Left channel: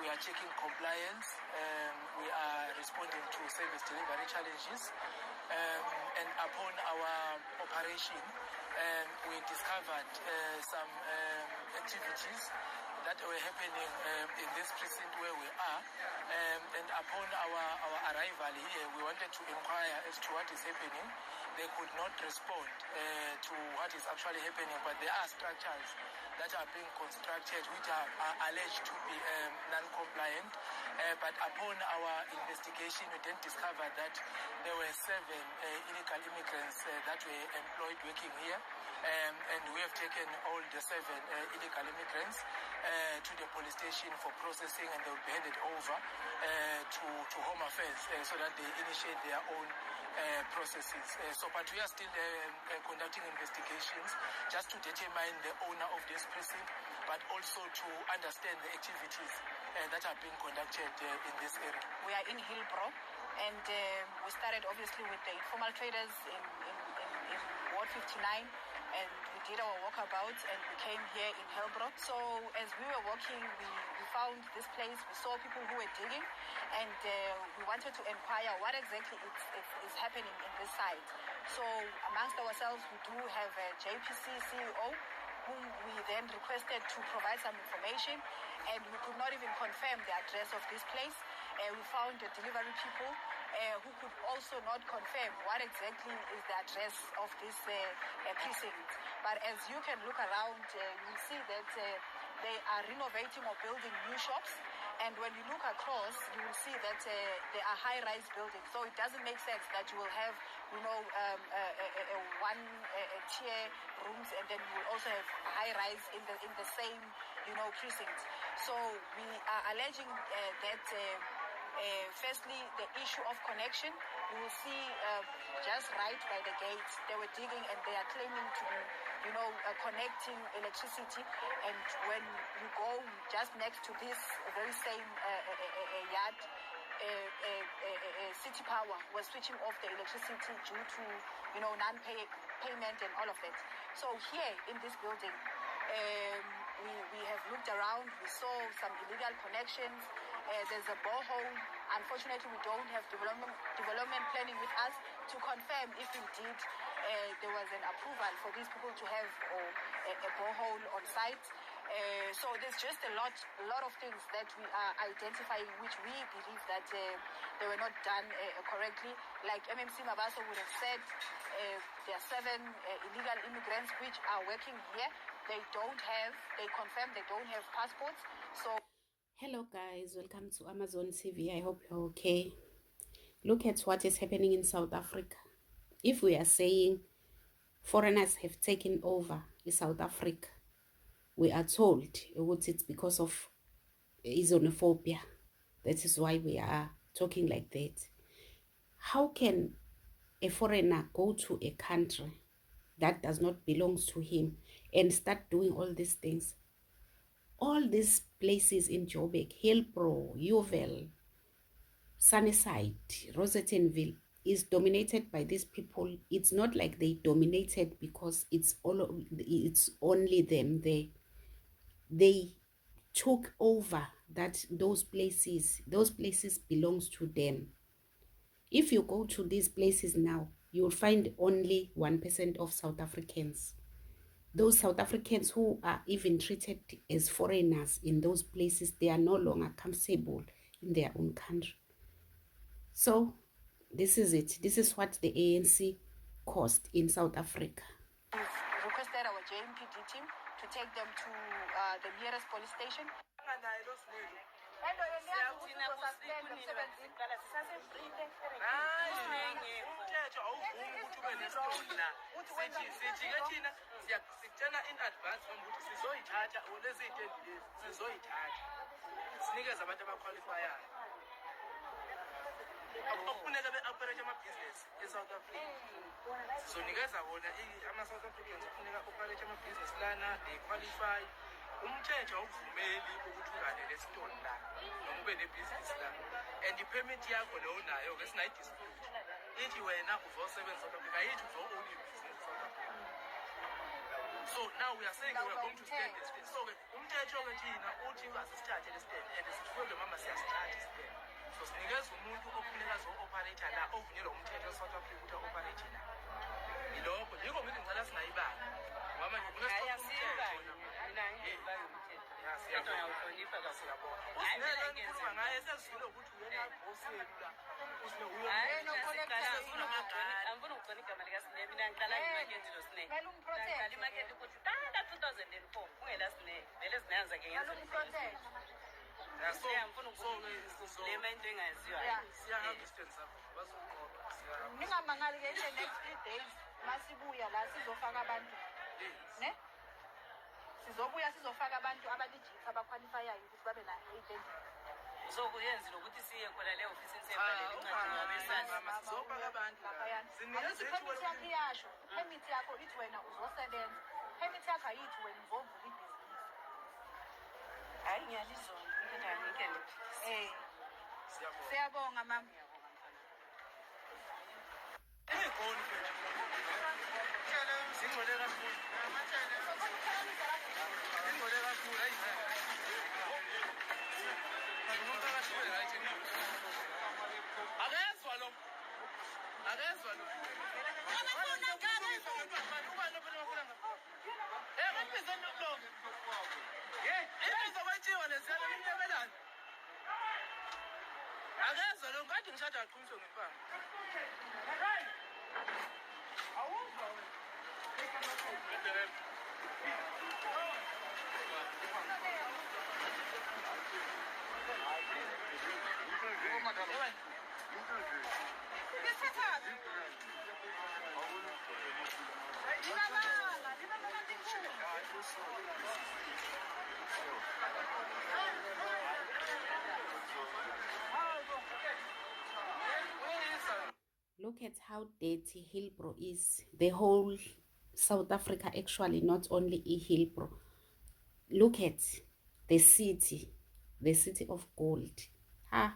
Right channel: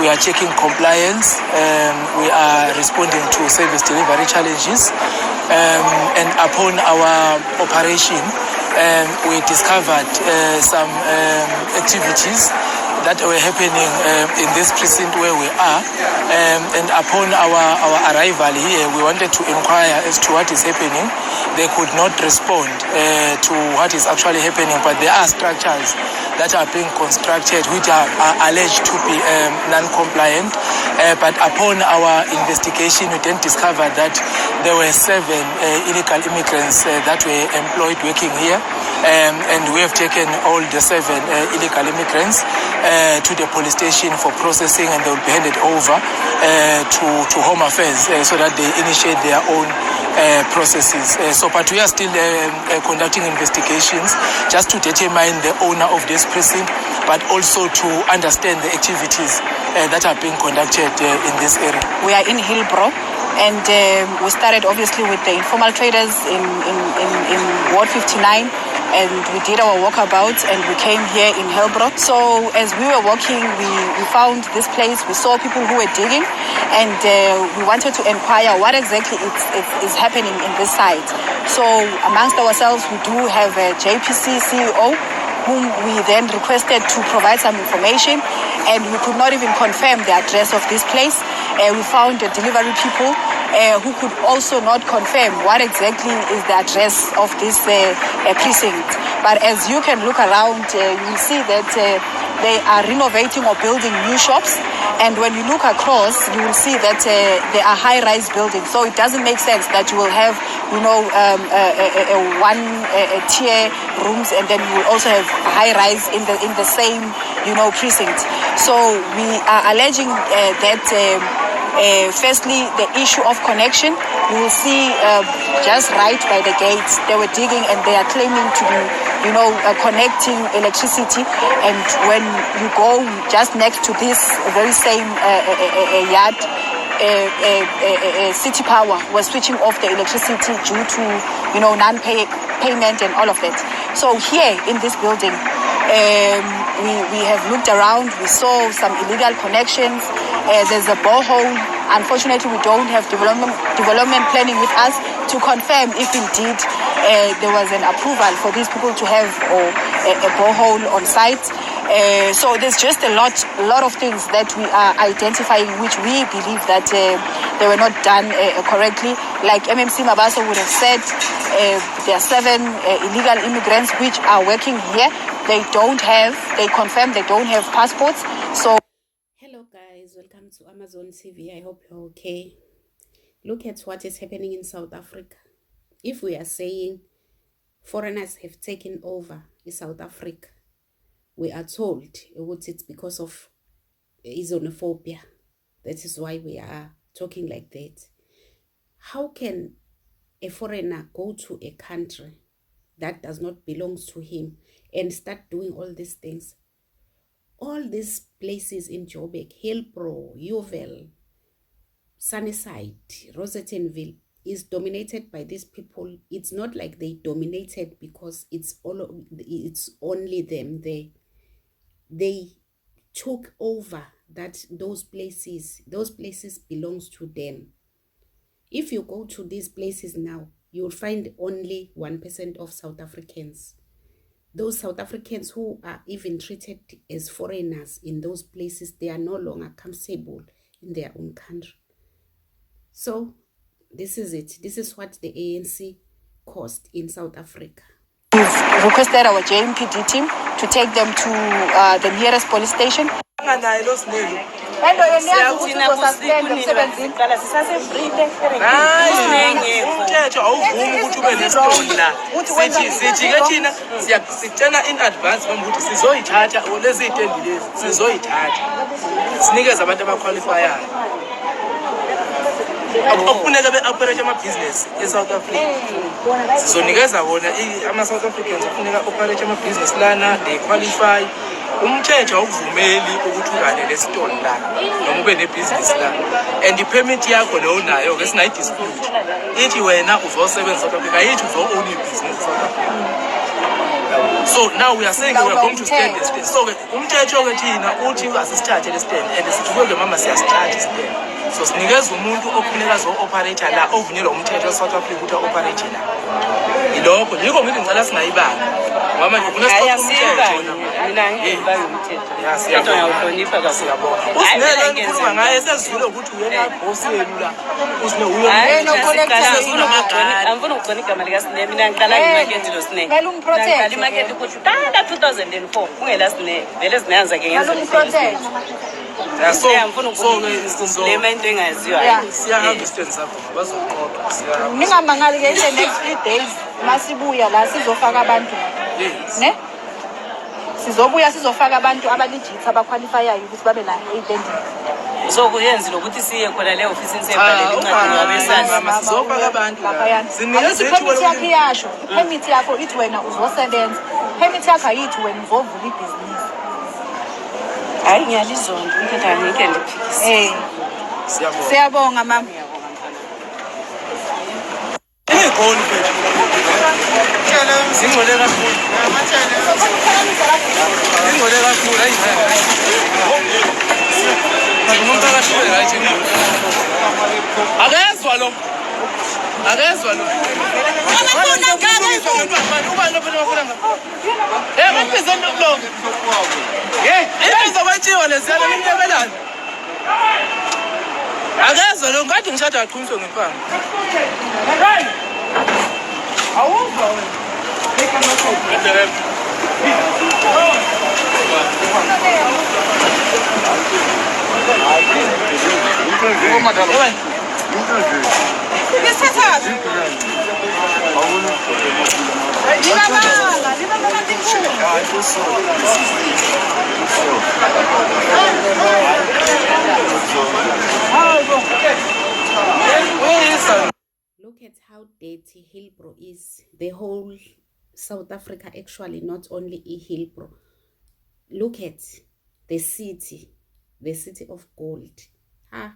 We are checking compliance. We are responding to service delivery challenges. And upon our operation, we discovered some activities that were happening in this precinct where we are. And upon our arrival here, we wanted to inquire as to what is happening. They could not respond to what is actually happening, but there are structures that are being constructed which are alleged to be non-compliant. But upon our investigation, we then discovered that there were 7 illegal immigrants that were employed working here. And we have taken all the 7 illegal immigrants to the police station for processing, and they will be handed over to Home Affairs so that they initiate their own processes. But we are still conducting investigations just to determine the owner of this precinct, but also to understand the activities that are being conducted in this area. We are in Hillbrow, and we started obviously with the informal traders in Ward 59. And we did our walkabouts, and we came here in Hillbrow. So as we were walking, we found this place. We saw people who were digging, and we wanted to inquire what exactly is happening in this site. So amongst ourselves, we do have a JPC CEO, whom we then requested to provide some information, and we could not even confirm the address of this place. We found the delivery people who could also not confirm what exactly is the address of this precinct. But as you can look around, you will see that they are renovating or building new shops. And when you look across, you will see that they are high-rise buildings. So it doesn't make sense that you will have, one-tier rooms, and then you will also have high-rise in the same, precinct. So we are alleging that. Firstly, the issue of connection. You will see just right by the gates, they were digging, and they are claiming to be, connecting electricity. And when you go just next to this very same yard, City Power was switching off the electricity due to, non-payment and all of that. So here in this building, we have looked around. We saw some illegal connections. There's a borehole. Unfortunately, we don't have development planning with us to confirm if indeed there was an approval for these people to have a borehole on site. So there's just a lot of things that we are identifying, which we believe that they were not done correctly. Like MMC Mabaso would have said, there are 7 illegal immigrants which are working here. They confirm they don't have passports. So. Hello guys, welcome to Amazon TV. I hope you're okay. Look at what is happening in South Africa. If we are saying foreigners have taken over in South Africa, we are told it's because of xenophobia. That is why we are talking like that. How can a foreigner go to a country that does not belong to him and start doing all these things? All these places in Joburg, Hillbrow, Yeoville, Sunnyside, Rosettenville is dominated by these people. It's not like they dominated because it's only them there. They took over those places belongs to them. If you go to these places now, you'll find only 1% of South Africans. Those South Africans who are even treated as foreigners in those places, they are no longer comfortable in their own country. So this is it. This is what the ANC caused in South Africa. We've requested our JMPD team to take them to the nearest police station. Akufuneka be-operate ama-business e-South Africa. Sizonikeza wona ama-South Africans kufuneka operate ama-business lana, they qualify. Umthetho awuvumeli ukuthi ungane lesitolo la noma ube nebusiness la. And i-permit yakho leyo nayo ke singayidispute. Ithi wena uzosebenza South Africa, ayithi uzo-own business South Africa. So now we are saying we are going to stand the stand. So umthetho ke thina uthi asisithathe le stand and sithuke mama siyasithatha stand. So sinikeza umuntu okufuneka zo-operator la ovunyelwa umthetho South Africa ukuthi operate la. Yilokho yiko ngithi ngicela singayibanga. Ngoba nje kunesiphatho umthetho. Mina ngiyibanga umthetho. Ngiyawuhlonipha kasiyabona. Usinele ukukhuluma ngaye sesivile ukuthi uyena boss yenu la. Usine uyo angifuna ukugcona igama likaSine mina ngiqala imarket lo Sine. Ngiqala imarket ukuthi qala 2004 ungela Sine. Vele sinayanza ke ngezo. So ngifuna ukublema into engaziwa. Siyahamba istand sakho bazoqoqa siyahamba. Ningamangali ke in the next 3 days masibuya la sizofaka abantu. Ne? Sizobuya sizofaka abantu abalegit abaqualifyayo ukuthi babe la identity. So kuyenza lokuthi siye khona le office nisebhalele incwadi ngabesana. Sizofaka abantu. Sinikeze permit yakho iyasho. Permit yakho ithi wena uzosebenza. Permit yakho ayithi wena uzovula ibhizinisi. Hayi ngiyalizonda umthetho angeke ndiphikise. Siyabonga mama. Igoli mfethu. Singcole kakhulu. Singcole kakhulu hayi. Ngumphakathi ube right endini. Akezwa lo. Akezwa lo. Uba lo phela bafuna ngapha. Baphezeni lo. Izo bathiwa lesiyana nimnyebelana. Akezwa lo ngathi ngishada aqhuniswe ngempanga. Awuzwa wena. Look at how dirty Hillbrow is. The whole South Africa, actually, not only Hillbrow. Look at the city of gold. Ha.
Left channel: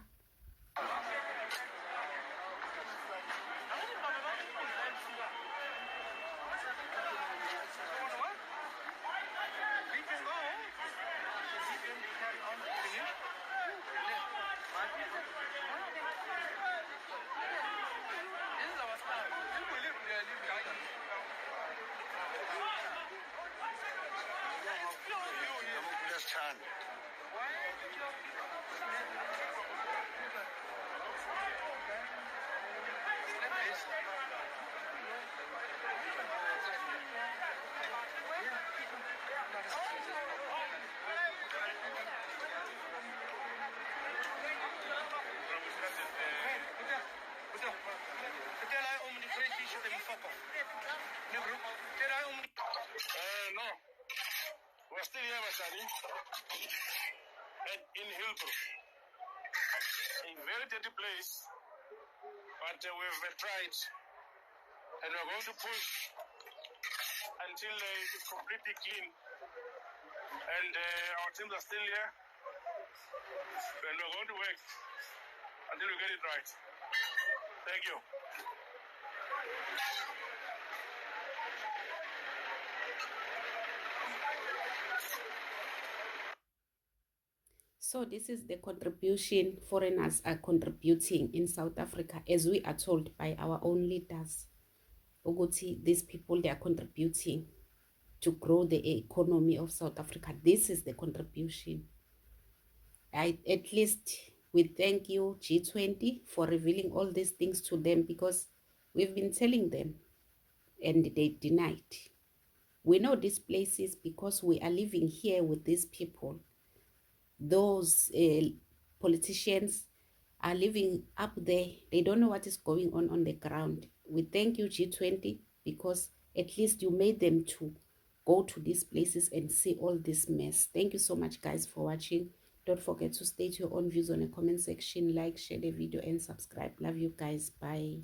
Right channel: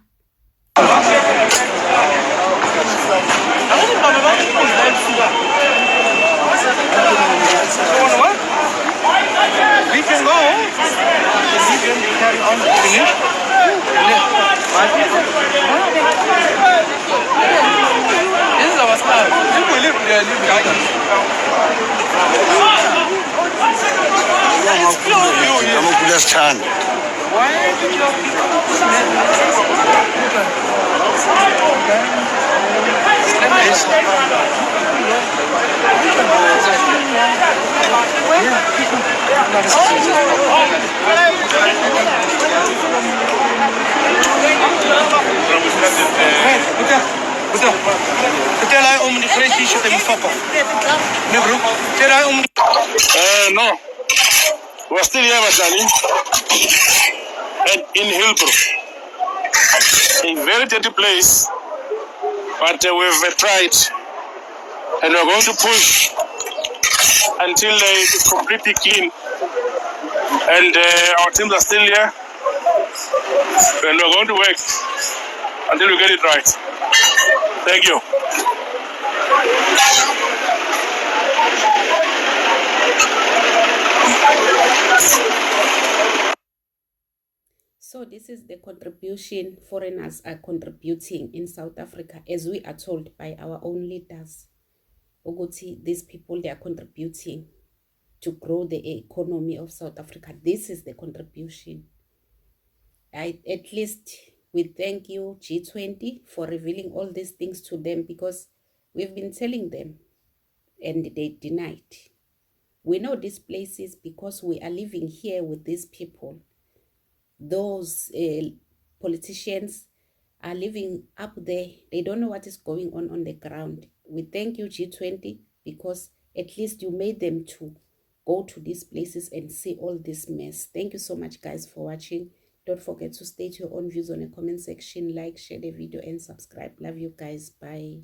We can go. We can carry on. This is our style. If we live there, live there. Why did No, we're still here, Masani, and in Hillbrow, a very dirty place, but we've tried, and we're going to push until it's completely clean, and our teams are still here, and we're going to work until we get it right. Thank you. So this is the contribution foreigners are contributing in South Africa, as we are told by our own leaders. Oguti, these people, they are contributing to grow the economy of South Africa. This is the contribution. At least we thank you, G20, for revealing all these things to them, because we've been telling them and they denied. We know these places because we are living here with these people. Those politicians are living up there. They don't know what is going on the ground. We thank you, G20, because at least you made them to go to these places and see all this mess. Thank you so much, guys, for watching. Don't forget to state your own views on the comment section. Like, share the video, and subscribe. Love you guys. Bye.